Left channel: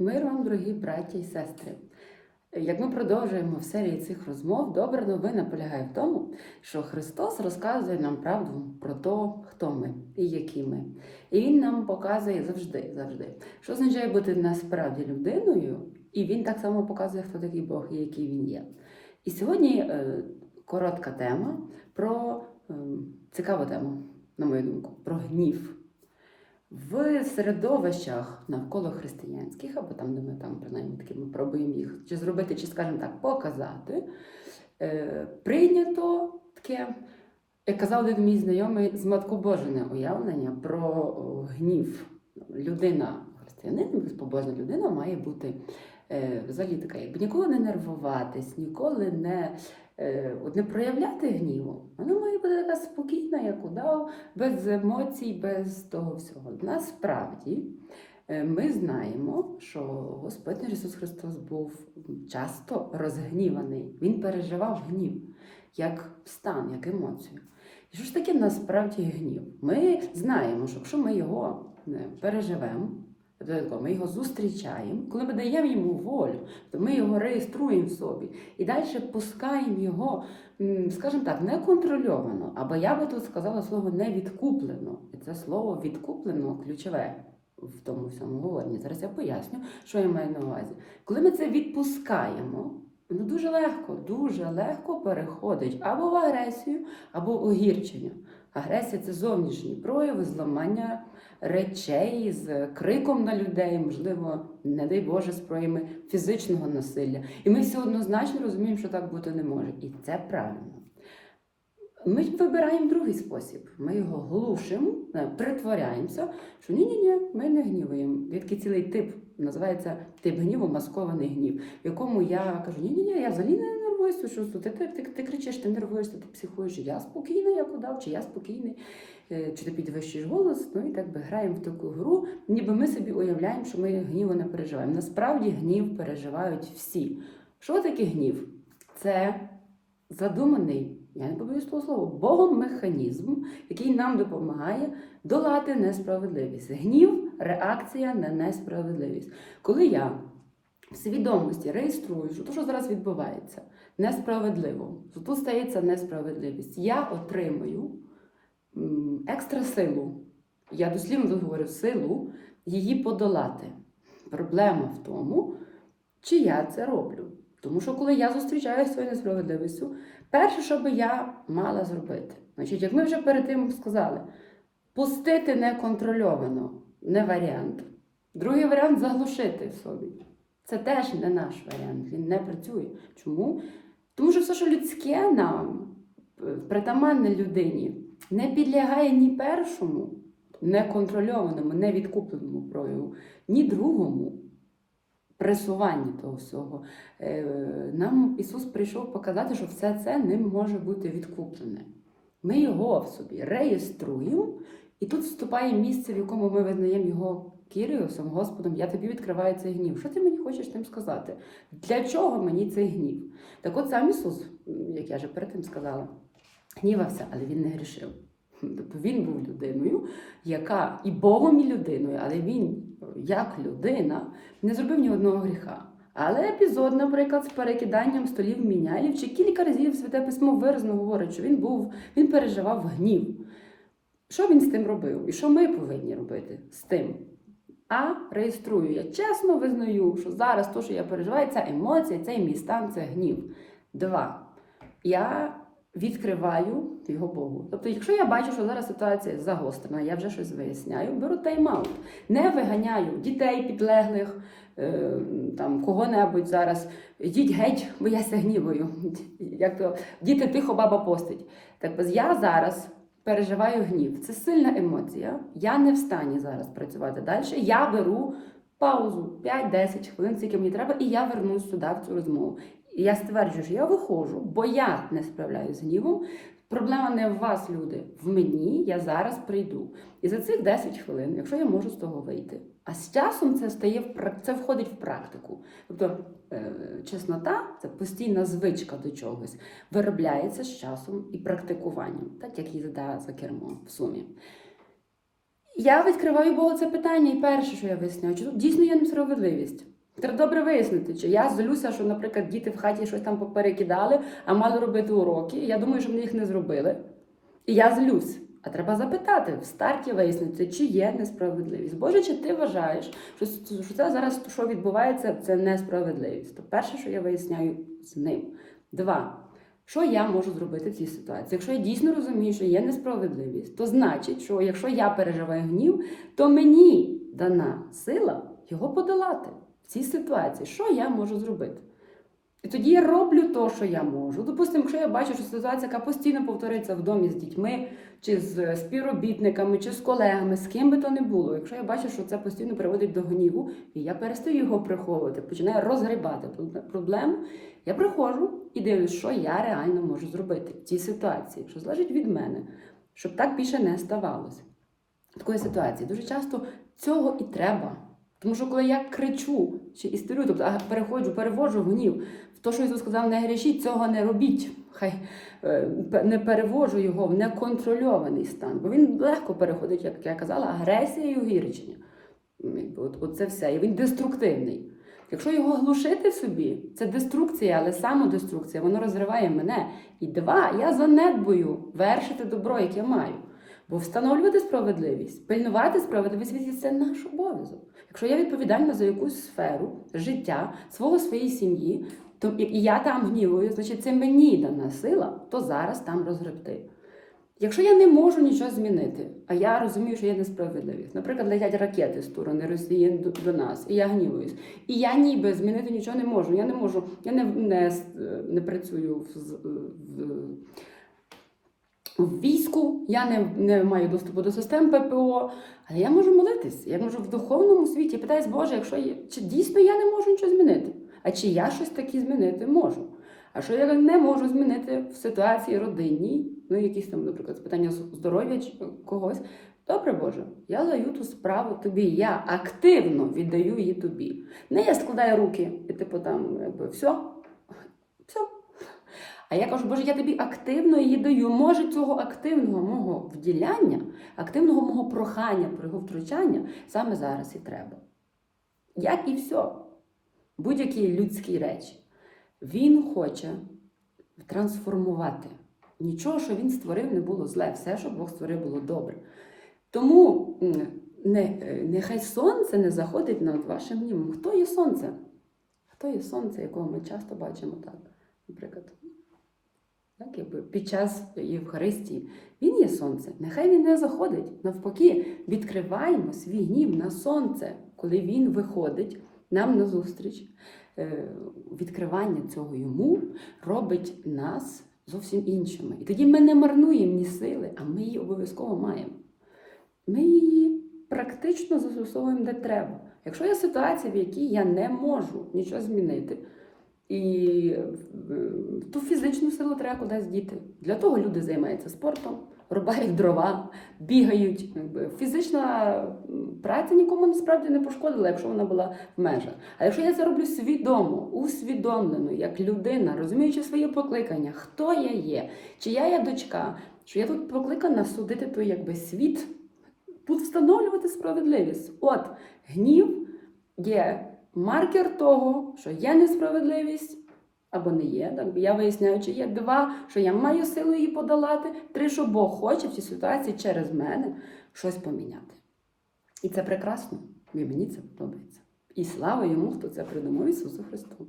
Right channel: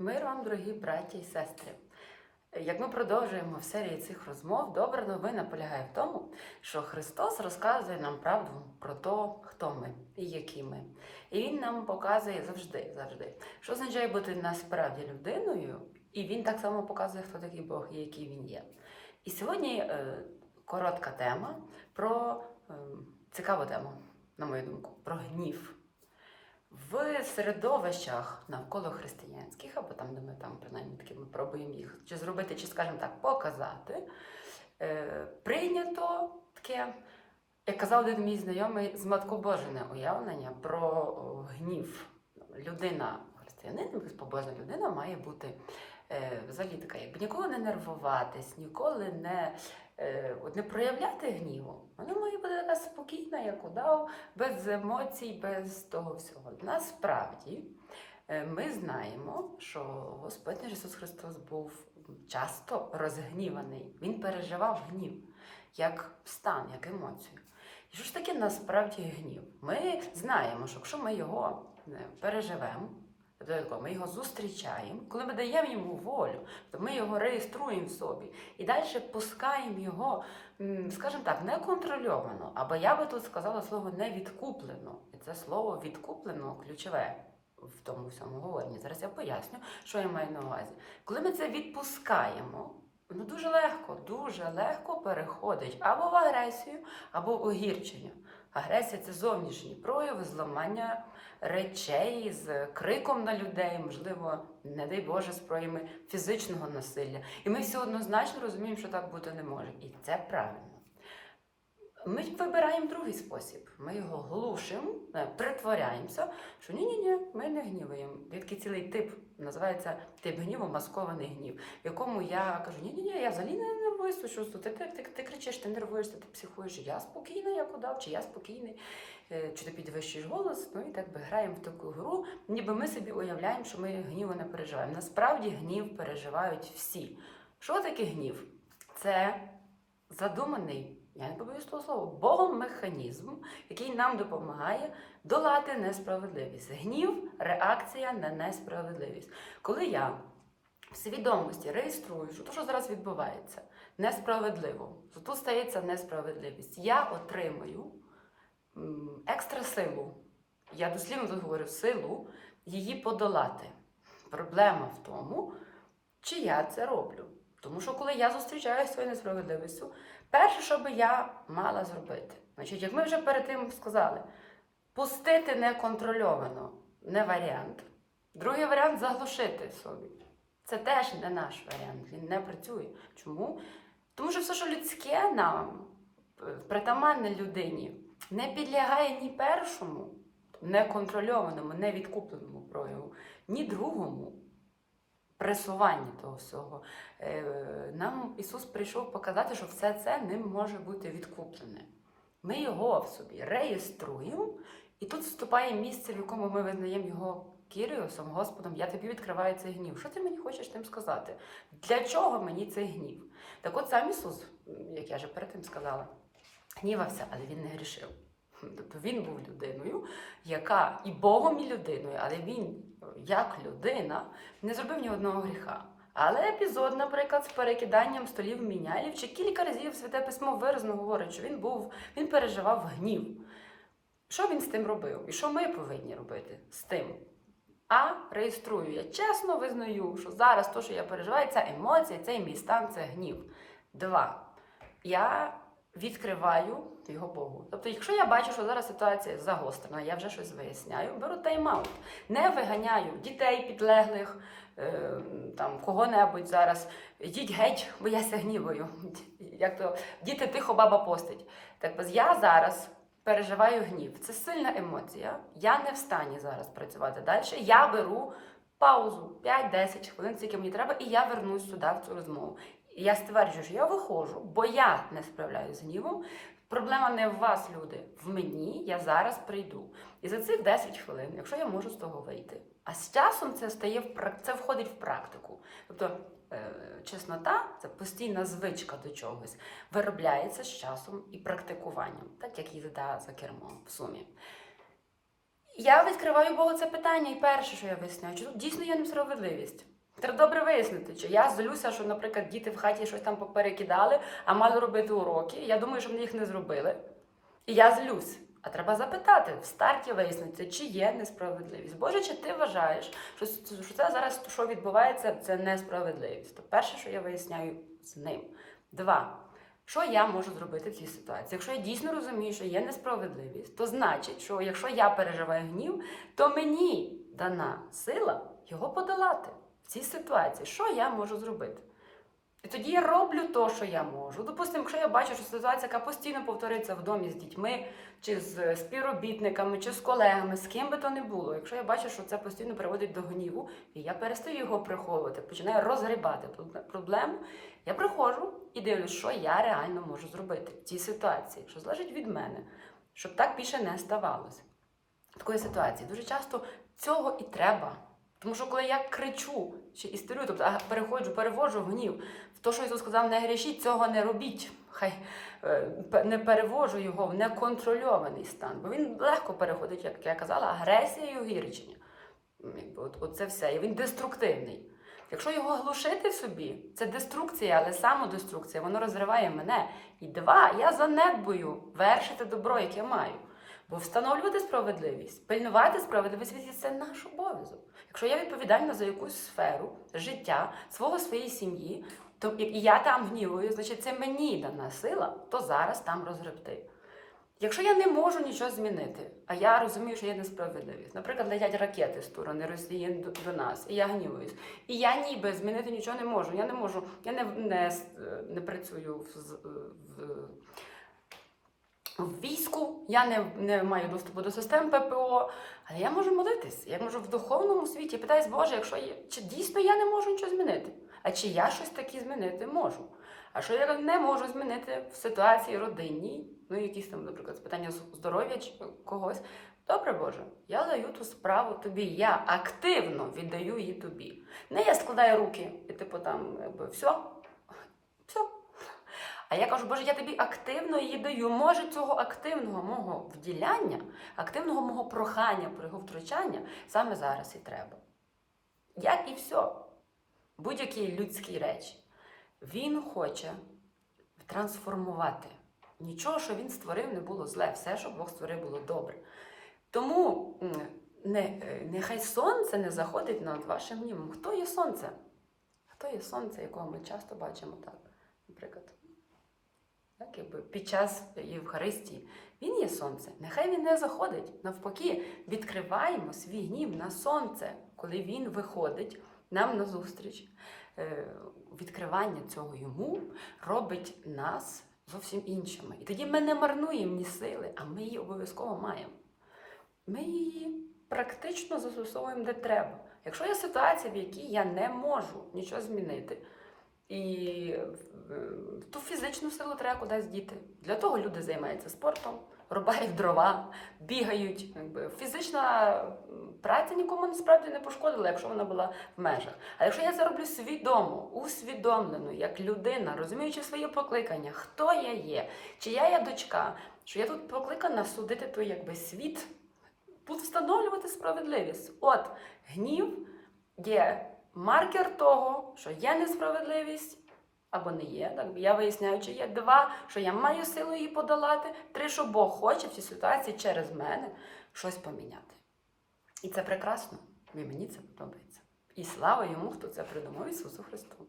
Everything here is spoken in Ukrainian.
Мир вам, дорогі браті і сестри. Як ми продовжуємо в серії цих розмов, добра новина полягає в тому, що Христос розказує нам правду про те, хто ми і які ми. І Він нам показує завжди, завжди, що означає бути насправді людиною, і Він так само показує, хто такий Бог і який він є. І сьогодні е, коротка тема про е, цікаву тему, на мою думку, про гнів. В середовищах навколо християнських, або там, де ми там принаймні таки ми пробуємо їх чи зробити, чи, скажімо так, показати, е, прийнято таке, як казав один мій знайомий, зматкобожене уявлення про гнів. Людина, християнин, безпобожна людина має бути е, взагалі така, якби ніколи не нервуватись, ніколи не, от не проявляти гніву. Вона має бути така спокійна, як удав, без емоцій, без того всього. Насправді е, ми знаємо, що Господь Ісус Христос був часто розгніваний. Він переживав гнів як стан, як емоцію. І що ж таке насправді гнів? Ми знаємо, що якщо ми його переживемо, то ми його зустрічаємо, коли ми даємо йому волю, то ми його реєструємо в собі і далі пускаємо його, скажімо так, неконтрольовано, або я би тут сказала слово невідкуплено. І це слово відкуплено ключове в тому всьому говоренні. Зараз я поясню, що я маю на увазі. Коли ми це відпускаємо, воно дуже легко, дуже легко переходить або в агресію, або в огірчення. Агресія це зовнішні прояви, зламання речей з криком на людей, можливо, не дай Боже, з проявами фізичного насилля. І ми всі однозначно розуміємо, що так бути не може. І це правильно. Ми вибираємо другий спосіб. Ми його глушимо, е, притворяємося, що ні-ні-ні, ми не гніваємо. Є такий цілий тип, називається тип гніву, маскований гнів, в якому я кажу, ні-ні-ні, я взагалі не нервуюся, що ти, ти, ти, ти кричиш, ти нервуєшся, ти психуєш, я спокійна, як удав, чи я спокійний, чи ти підвищуєш голос, ну і так би граємо в таку гру, ніби ми собі уявляємо, що ми гніву не переживаємо. Насправді гнів переживають всі. Що таке гнів? Це задуманий, я не побоюсь того слова, Богом механізм, який нам допомагає долати несправедливість. Гнів реакція на несправедливість. Коли я в свідомості реєструю, що те, що зараз відбувається, несправедливо, що тут стається несправедливість, я отримую екстра силу. Я дослівно говорю силу її подолати. Проблема в тому, чи я це роблю. Тому що коли я зустрічаюся з своєю несправедливістю, перше, що би я мала зробити, значить, як ми вже перед тим сказали, пустити неконтрольовано не варіант. Другий варіант заглушити собі. Це теж не наш варіант, він не працює. Чому? Тому що все, що людське нам, е, притаманне людині, не підлягає ні першому, неконтрольованому, невідкупленому прояву, ні другому пресуванні того всього. Е, Нам Ісус прийшов показати, що все це ним може бути відкуплене. Ми його в собі реєструємо, і тут вступає місце, в якому ми визнаємо його Кіріусом, Господом, я тобі відкриваю цей гнів. Що ти мені хочеш тим сказати? Для чого мені цей гнів? Так от сам Ісус, як я вже перед тим сказала, гнівався, але він не грішив. Тобто він був людиною, яка і Богом, і людиною, але він, як людина, не зробив ні одного гріха. Але епізод, наприклад, з перекиданням столів мінялів, чи кілька разів святе письмо виразно говорить, що він був, він переживав гнів. Що він з тим робив? І що ми повинні робити з тим? А реєструю, я чесно визнаю, що зараз то, що я переживаю, ця емоція, цей мій стан, це гнів. Два. Я відкриваю його Богу. Тобто, якщо я бачу, що зараз ситуація загострена, я вже щось виясняю, беру тайм-аут. Не виганяю дітей підлеглих, е, там кого-небудь зараз. Йдіть геть, бо я гнівою. Як то діти тихо баба постить. Так ось я зараз. Переживаю гнів. Це сильна емоція. Я не в стані зараз працювати далі. Я беру паузу 5-10 хвилин, скільки мені треба, і я вернусь сюди в цю розмову. І я стверджую, що я виходжу, бо я не справляюся з гнівом. Проблема не в вас, люди, в мені я зараз прийду. І за цих 10 хвилин, якщо я можу з того вийти, а з часом це стає це входить в практику. Тобто е, чеснота це постійна звичка до чогось, виробляється з часом і практикуванням, так як їзда за кермом в сумі. Я відкриваю Богу це питання, і перше, що я виясняю, чи тут дійсно є несправедливість. Треба добре вияснити, чи я злюся, що, наприклад, діти в хаті щось там поперекидали, а мали робити уроки. Я думаю, що вони їх не зробили. І я злюсь. А треба запитати в старті вияснити, чи є несправедливість. Боже, чи ти вважаєш, що, це зараз що відбувається, це несправедливість? То перше, що я виясняю з ним. Два. Що я можу зробити в цій ситуації? Якщо я дійсно розумію, що є несправедливість, то значить, що якщо я переживаю гнів, то мені дана сила його подолати цій ситуації. Що я можу зробити? І тоді я роблю те, що я можу. Допустимо, якщо я бачу, що ситуація, яка постійно повторюється в домі з дітьми, чи з співробітниками, чи з колегами, з ким би то не було. Якщо я бачу, що це постійно приводить до гніву, і я перестаю його приховувати, починаю розгрібати проблему, я приходжу і дивлюсь, що я реально можу зробити в цій ситуації, що залежить від мене, щоб так більше не ставалося. Такої ситуації дуже часто цього і треба. Тому що коли я кричу чи істерю, тобто переходжу, переводжу гнів в те, що Ісус сказав, не грішіть, цього не робіть. Хай е, не переводжу його в неконтрольований стан. Бо він легко переходить, як я казала, агресія і огірчення. От, от все. І він деструктивний. Якщо його глушити собі, це деструкція, але самодеструкція, воно розриває мене. І два, я занедбую вершити добро, яке маю. Бо встановлювати справедливість, пильнувати справедливість це наш обов'язок. Якщо я відповідальна за якусь сферу життя свого своєї сім'ї, то і я там гнівую, значить це мені дана сила, то зараз там розгребти. Якщо я не можу нічого змінити, а я розумію, що є несправедливість, наприклад, летять ракети з сторони Росії до, до нас, і я гнівуюсь, і я ніби змінити нічого не можу. Я не можу, я не не, не працюю в, в, в війську, я не, не маю доступу до систем ППО, але я можу молитись. Я можу в духовному світі. Я питаюсь, Боже, якщо є, чи дійсно я не можу нічого змінити? А чи я щось таке змінити можу? А що я не можу змінити в ситуації родинній, ну якісь там, наприклад, питання здоров'я чи когось. Добре, Боже, я даю ту справу тобі. Я активно віддаю її тобі. Не я складаю руки і типу там, якби все. А я кажу, Боже, я тобі активно її даю. Може, цього активного мого вділяння, активного мого прохання про його втручання саме зараз і треба. Як і все. Будь-які людські речі. Він хоче трансформувати. Нічого, що він створив, не було зле. Все, що Бог створив, було добре. Тому не, нехай сонце не заходить над вашим німом. Хто є сонце? Хто є сонце, якого ми часто бачимо так? Наприклад, так, якби під час Євхаристії. Він є сонце. Нехай він не заходить. Навпаки, відкриваємо свій гнів на сонце, коли він виходить нам назустріч. Відкривання цього йому робить нас зовсім іншими. І тоді ми не марнуємо ні сили, а ми її обов'язково маємо. Ми її практично застосовуємо де треба. Якщо є ситуація, в якій я не можу нічого змінити, і ту фізичну силу треба кудись діти. Для того люди займаються спортом, рубають дрова, бігають. Фізична праця нікому насправді не пошкодила, якщо вона була в межах. А якщо я це роблю свідомо, усвідомлено, як людина, розуміючи своє покликання, хто я є, чи я дочка, що я тут покликана судити той якби світ, тут встановлювати справедливість. От гнів є маркер того, що є несправедливість. Або не є, так я виясняю, чи є два, що я маю силу її подолати, три, що Бог хоче в цій ситуації через мене щось поміняти. І це прекрасно, і мені це подобається. І слава йому, хто це придумав Ісусу Христу.